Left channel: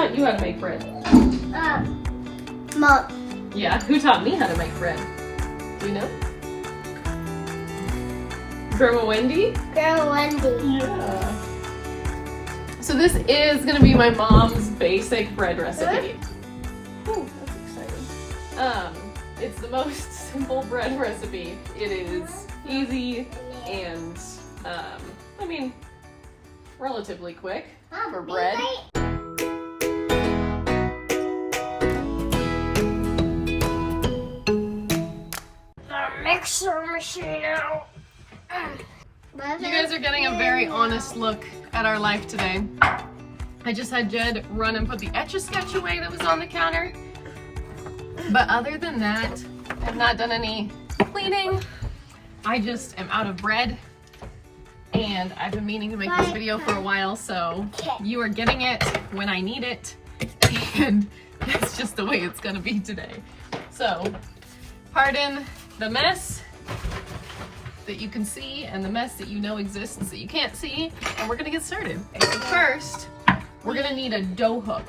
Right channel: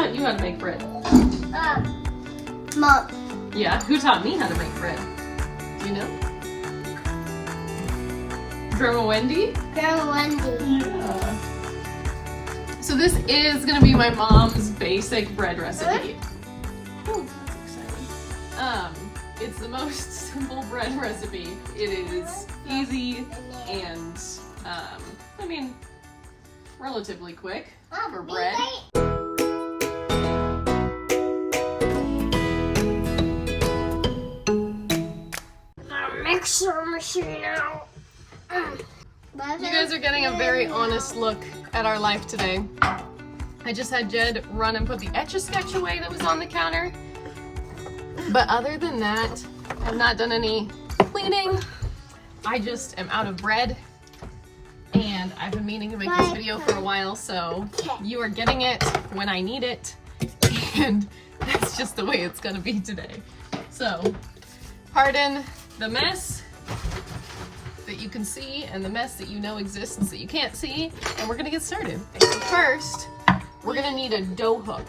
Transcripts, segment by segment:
taught you how to make bread? Mom. Yeah, who taught me how to make bread? Do you know? Grandma Wendy? Grandma Wendy. Yeah. So this is gonna be my mom's basic bread recipe. Oh, that's exciting. It's the most simple bread recipe. It is easy and, I mean, relatively quick for bread. Mixer machine out. You guys are getting a very honest look at our life today. I just had Jed run and put the Etch-a-Sketch away that was on the counter. But other than that, I've not done any cleaning. I just am out of bread. And I've been meaning to make this video for a while, so you are getting it when I need it. And that's just the way it's gonna be today. So, pardon the mess that you can see and the mess that you know exists that you can't see, and we're gonna get started. Okay, so first, we're gonna need a dough hook.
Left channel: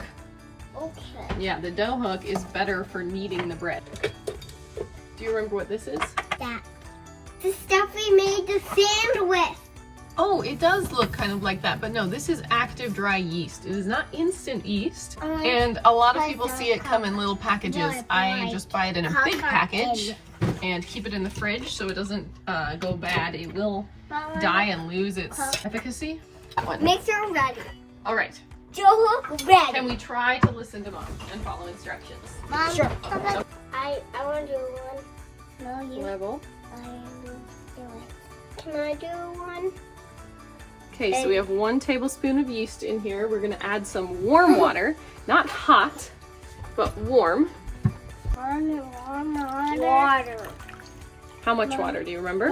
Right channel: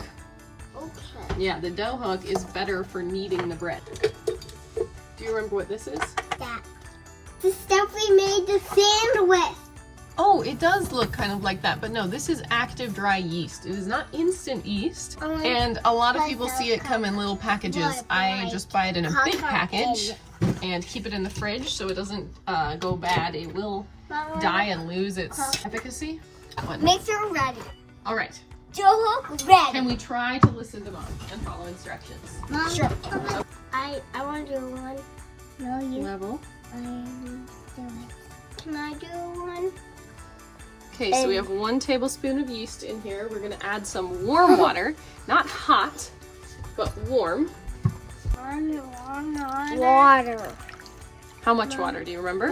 Okay. Yeah, the dough hook is better for kneading the bread. Do you remember what this is? That. The stuff we made the sand with. Oh, it does look kind of like that, but no, this is active dry yeast. It is not instant yeast, and a lot of people see it come in little packages. I just buy it in a big package and keep it in the fridge so it doesn't go bad. It will die and lose its efficacy. Mixer ready. All right. Dough hook ready. Can we try to listen to Mom and follow instructions? Sure. I want to do one. No, you. Level. I will do it. Can I do one? Okay, so we have 1 tablespoon of yeast in here. We're gonna add some warm water, not hot, but warm. Warm water. How much water do you remember?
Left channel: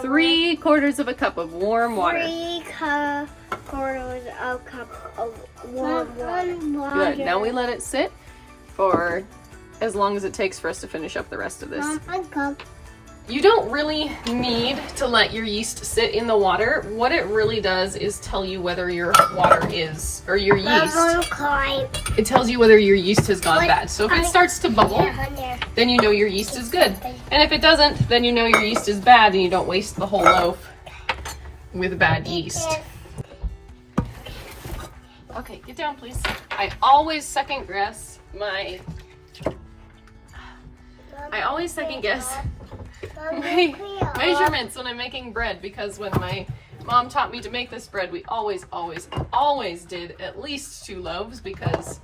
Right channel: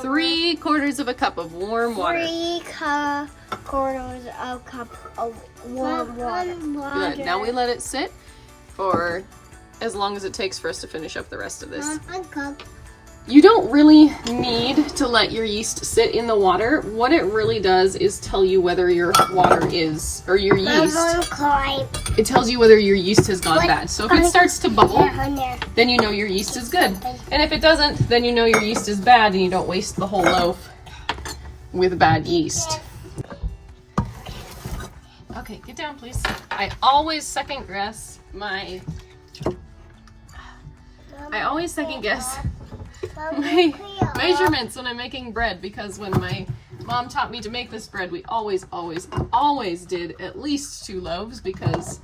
3 3/4 of a cup of warm water. 3/4 of a cup of warm water. Good. Now we let it sit for as long as it takes for us to finish up the rest of this. A cup. You don't really need to let your yeast sit in the water. What it really does is tell you whether your water is, or your yeast, it tells you whether your yeast has gone bad. So if it starts to bubble, then you know your yeast is good. And if it doesn't, then you know your yeast is bad and you don't waste the whole loaf with bad yeast. Okay, get down please. I always second guess my measurements when I'm making bread, because when my mom taught me to make this bread, we always did at least 2 loaves, because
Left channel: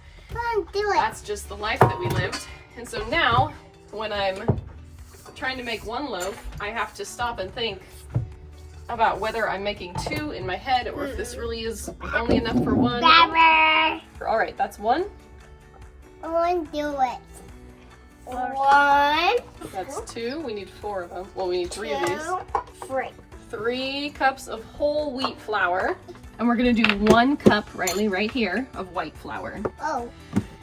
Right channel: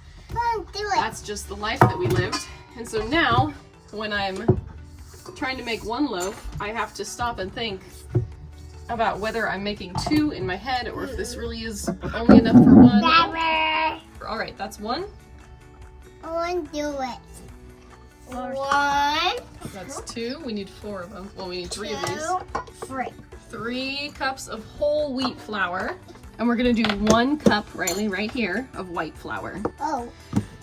that's just the life that we lived. And so now, when I'm trying to make 1 loaf, I have to stop and think about whether I'm making 2 in my head, or if this really is only enough for 1. All right, that's 1. Do it. 1. That's 2. We need 4 of them. Well, we need 3 of these. 3 cups of whole wheat flour. And we're gonna do 1 cup, Riley, right here, of white flour. Oh.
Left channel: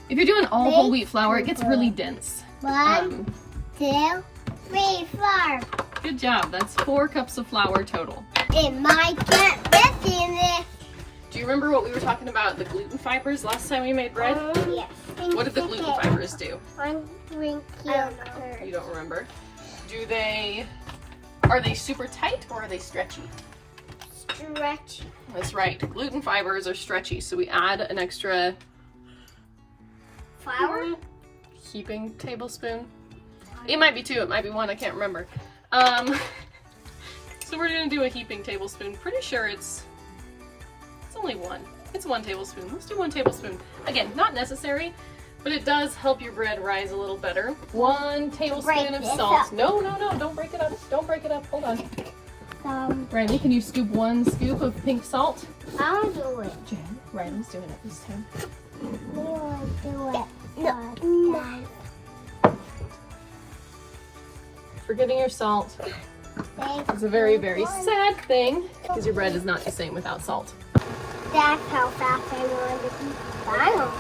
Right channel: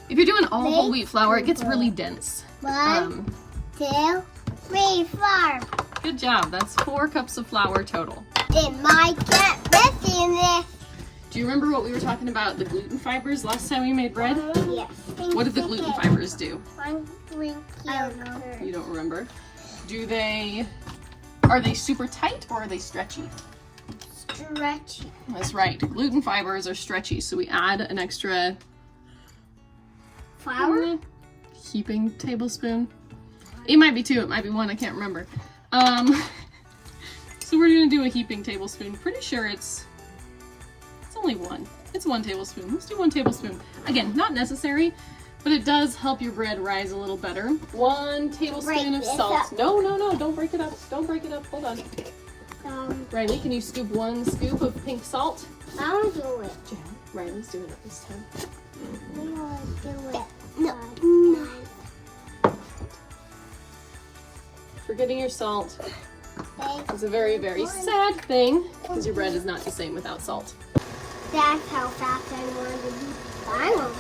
If you're doing all whole wheat flour, it gets really dense. 1, 2, 3, 4. Good job. That's 4 cups of flour total. It might get messy in this. Do you remember what we were talking about, the gluten fibers last time we made bread? Yes. What did the gluten fibers do? You You don't remember. Are they super tight or are they stretchy? Stretchy. That's right. Gluten fibers are stretchy, so we add an extra Flour? heaping tablespoon. It might be 2, it might be 1, I can't remember. So we're gonna do a heaping tablespoon. Pretty sure it's only 1. It's 1 tablespoon. Let's do 1 tablespoon. Again, not necessary, but it does help your bread rise a little better. 1 tablespoon of salt. No, don't break it up. Don't break it up. Hold on. Riley, can you scoop 1 scoop of pink salt? I'll do it. Jen, Riley's doing it this time. I'll do it. No. Forgetting your salt is a very, very sad thing, because your bread is not the same without salt. That's how fast I want to be. I want to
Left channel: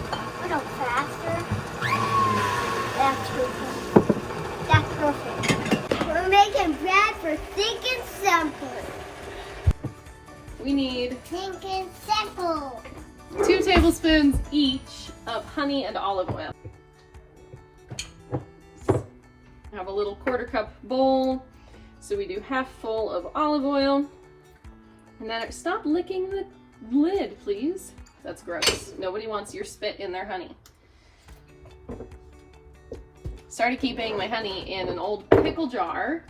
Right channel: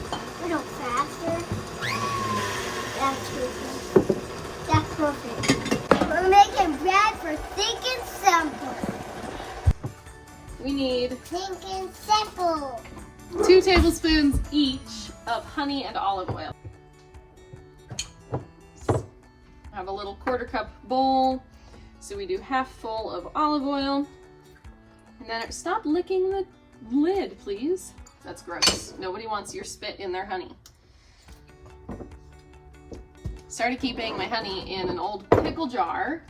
a little faster. That's perfect. We're making bread for thick and simple. We need Think and simple. 2 tablespoons each of honey and olive oil. I have a little 1/4 cup bowl, so we do half full of olive oil. And then stop licking the lid, please. That's gross. Nobody wants your spit in their honey. Started keeping my honey in an old pickle jar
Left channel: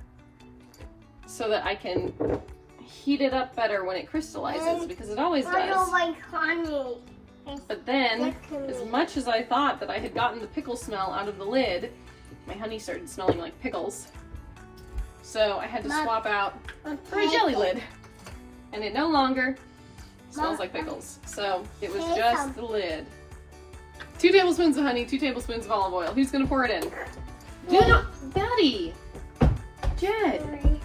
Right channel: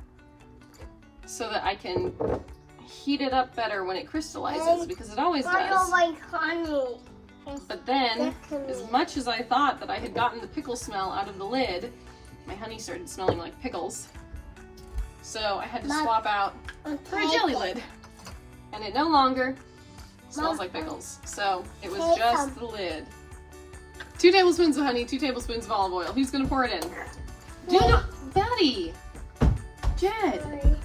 so that I can heat it up better when it crystallizes, because it always I don't does. like honey. But then, as much as I thought that I had gotten the pickle smell out of the lid, my honey started smelling like pickles. So I had to swap out for a jelly lid. And it no longer smells like pickles. So it was just the lid. 2 tablespoons of honey, 2 tablespoons of olive oil. Who's gonna pour it in? Jed, Daddy! Jed!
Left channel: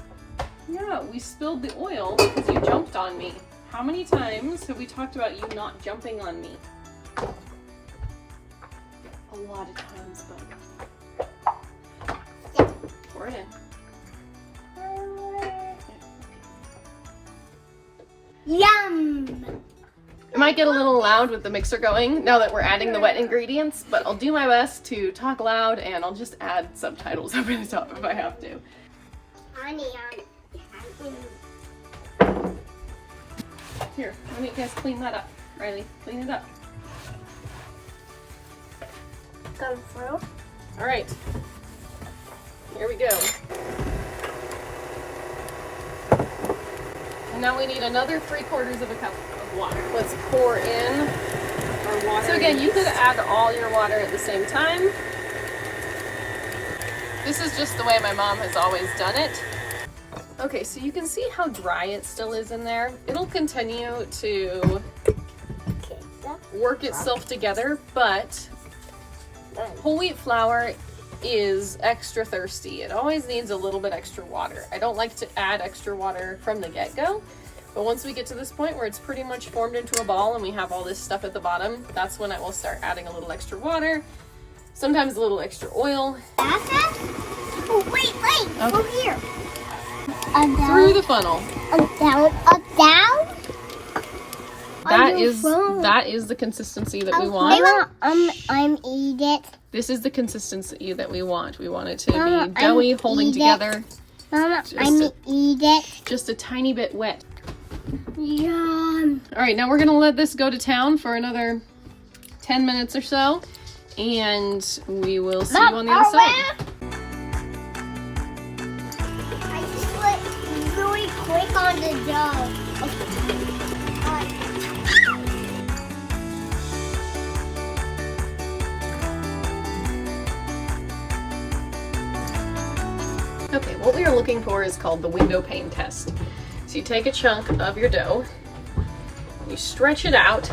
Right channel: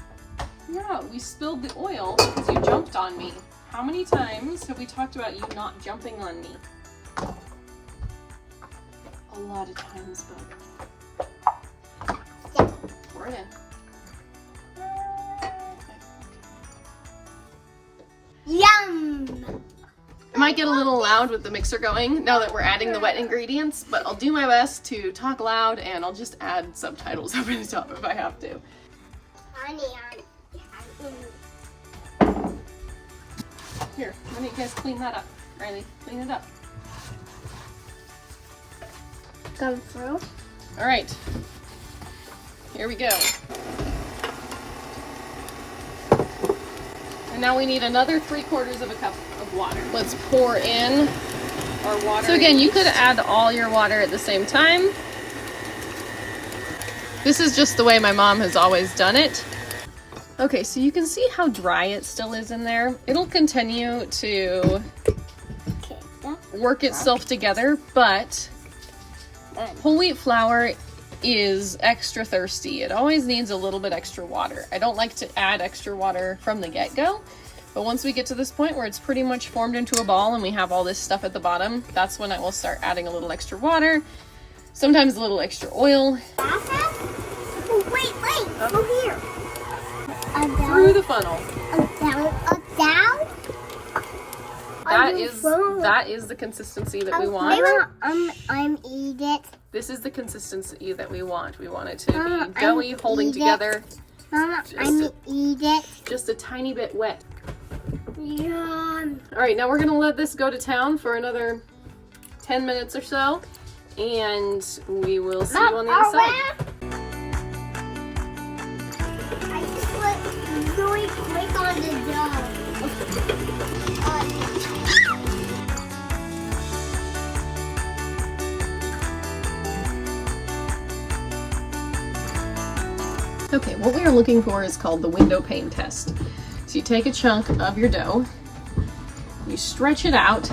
Yeah, we spilled the oil because you jumped on me. How many times have we talked about you not jumping on me? A lot of times, but pour it in. Yum! It might get a little loud with the mixer going now that we're adding the wet ingredients, but I'll do my best to talk loud, and I'll just add subtitles over the top if I have to. Honey. Here, let me guys clean that up. Riley, clean it up. Come through. All right, here we go. And now we need another 3/4 of a cup of water. Let's pour in our water. So again, you could add all your water at the same time. This is just the way my mom has always done it. Okay, so you can see how dry it still is in there. It'll continue to work itself together, but whole wheat flour is extra thirsty. It always needs a little bit extra water. I don't like to add extra water from the get-go, but once we get to this point where it's pretty much formed into a ball and we have all this stuff at the bottom, that's when I will start adding a little extra water, sometimes a little extra oil. Oh, wait, over here. Through the funnel. Down. That is the consistency that we want. I'm eat it. This is the consistency that we want. We want it to be doughy, holding together. Mama, I'm eat it. Just a tiny bit wet. Yum. All right, now we're gonna let this go to town for another 10 minutes or so, and we will see you on the other side. I just went really quick on the dough. Okay, what we are looking for is called the window pane test. So you take a chunk of your dough, you stretch it out,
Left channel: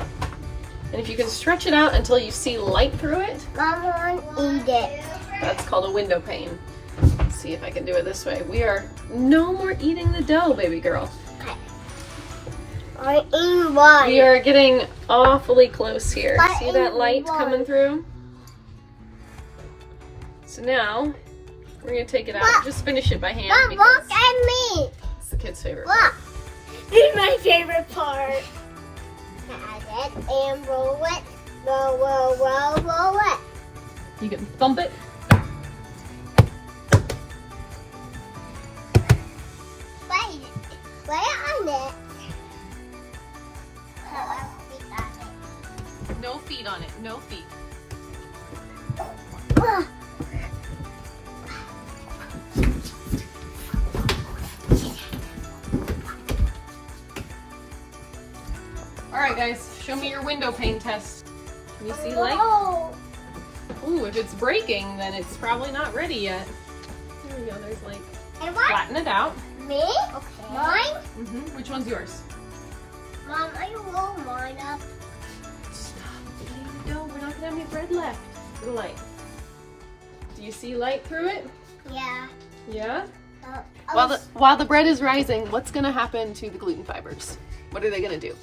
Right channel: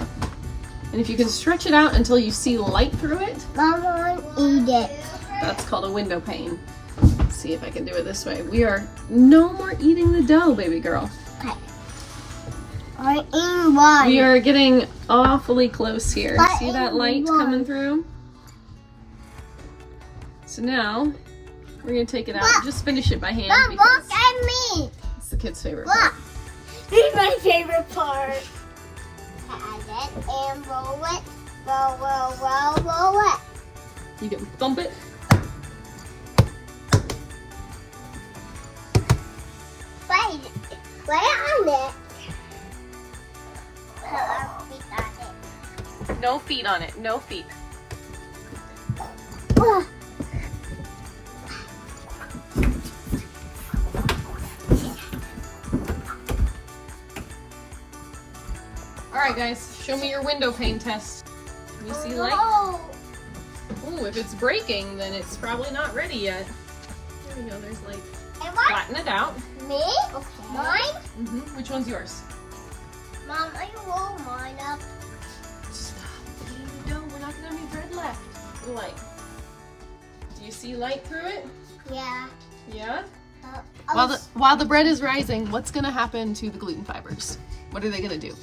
and if you can stretch it out until you see light through it, Mama, eat it. that's called a window pane. Let's see if I can do it this way. We are no more eating the dough, baby girl. Okay. I'm eating one. We are getting awfully close here. See that light one. coming through? So now, we're gonna take it out. Just finish it by hand because Look at me. it's the kid's favorite part. Look. This is my favorite part. Add it and roll it. Roll it. You can thump it. Wait on it. Feet on it. No feet on it. No feet. All right, guys, show me your window pane test. Can you see light? Oh. Ooh, if it's breaking, then it's probably not ready yet. There you go, there's light. And what? Flatten it out. Me? Okay. Mine? Mm-hmm. Which one's yours? Mom, I roll mine up. Stop. No, we're not gonna have any bread left. The light. Do you see light through it? Yeah. Yeah? While the bread is rising, what's gonna happen to the gluten fibers? What are they gonna do?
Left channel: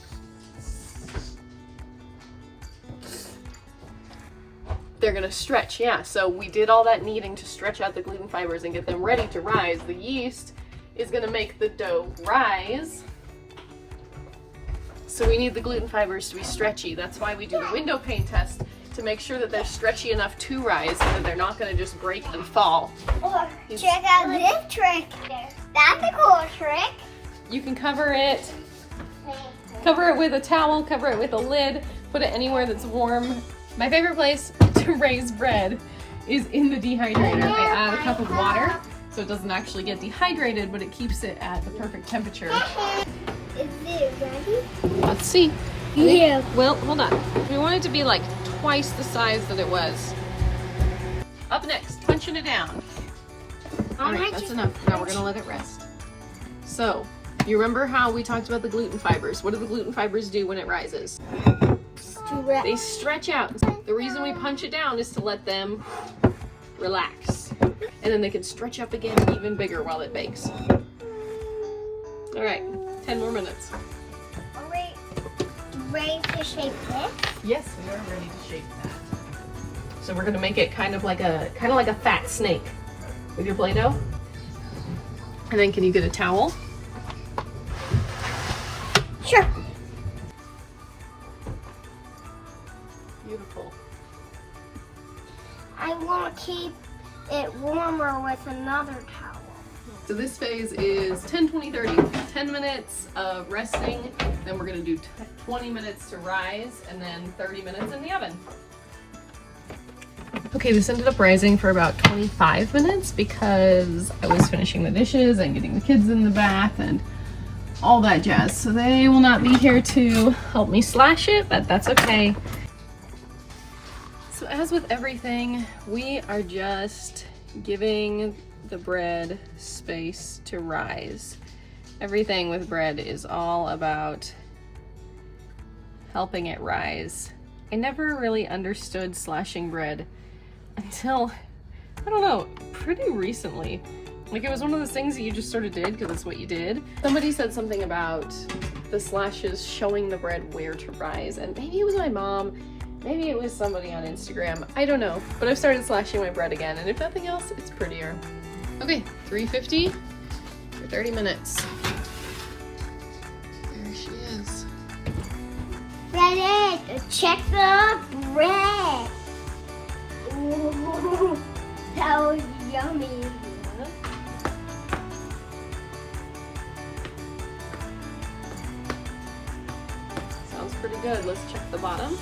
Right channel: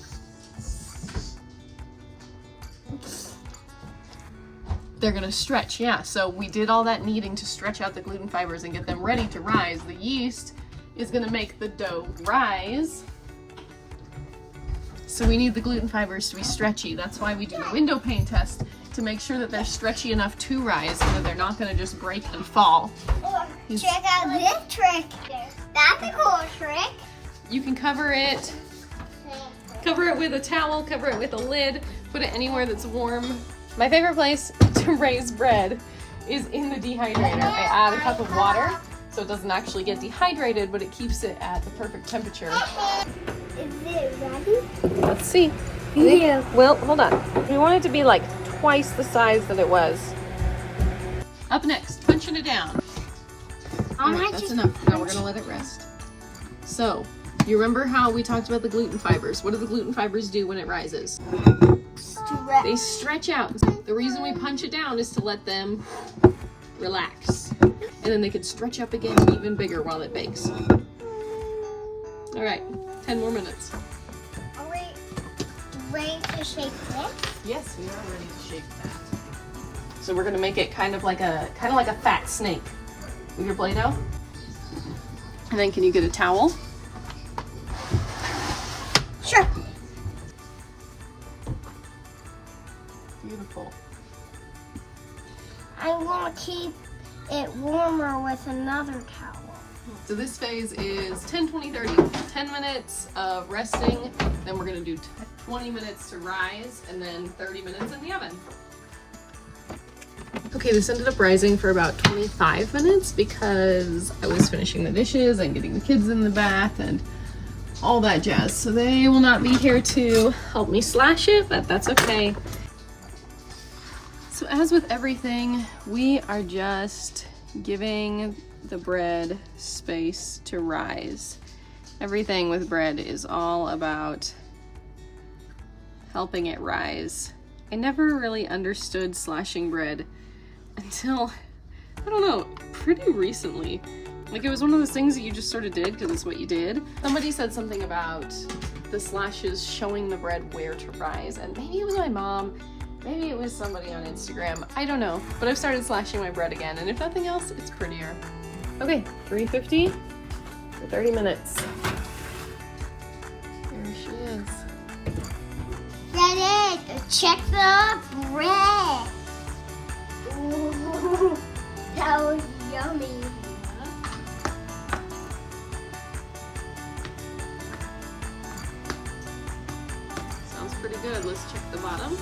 They're gonna stretch, yeah. So we did all that kneading to stretch out the gluten fibers and get them ready to rise. The yeast is gonna make the dough rise So we need the gluten fibers to be stretchy. That's why we do the window pane test, to make sure that they're stretchy enough to rise and that they're not gonna just break and fall. Check out this trick. That's a cool trick. You can cover it with a towel, cover it with a lid, put it anywhere that's warm. My favorite place to raise bread is in the dehydrator. I add a cup of water so it doesn't actually get dehydrated, but it keeps it at the perfect temperature. Is it ready? Let's see. Yeah. Well, hold on. We want it to be like twice the size that it was. Up next, punching it down. Alright, that's enough. Now we're gonna let it rest. So, you remember how we talked about the gluten fibers? What do the gluten fibers do when it rises? They stretch out. The reason we punch it down is to let them relax. And then they can stretch up again even bigger while it bakes. Alright, 10 more minutes. Are we ready to shape this? Yes, we are ready to shape that. So we're gonna make it kind of like a fat snake with your Play-Doh. And then can you get a towel? Sure. Beautiful. I'm going to keep it warmer with another towel. So this phase is 10, 20, 30. 10 minutes of resting, then we're gonna do 20 minutes to rise, and then 30 minutes in the oven. Okay, this ended up rising for about 25 minutes because I was finishing the dishes and getting the kids in the bath and all that jazz. So they will not be here to help me slash it, but that's okay. So as with everything, we are just giving the bread space to rise. Everything with bread is all about helping it rise. I never really understood slashing bread until, I don't know, pretty recently. Like, it was one of those things that you just sort of did because it's what you did. Somebody said something about the slashes showing the bread where to rise, and maybe it was my mom, maybe it was somebody on Instagram, I don't know. But I've started slashing my bread again, and if nothing else, it's prettier. Okay, 350 for 30 minutes. There she is. Ready to check the bread. Ooh, that was yummy. Sounds pretty good. Let's check the bottom.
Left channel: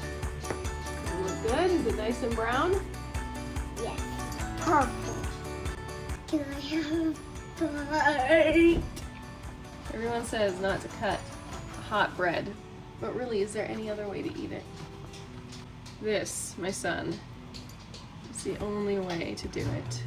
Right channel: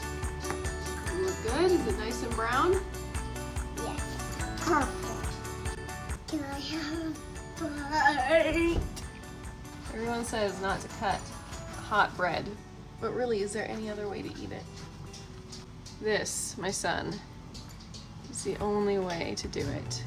Does it look good? Is it nice and brown? Yes. Perfect. Can I have a bite? Everyone says not to cut hot bread, but really, is there any other way to eat it? This, my son, is the only way to do it.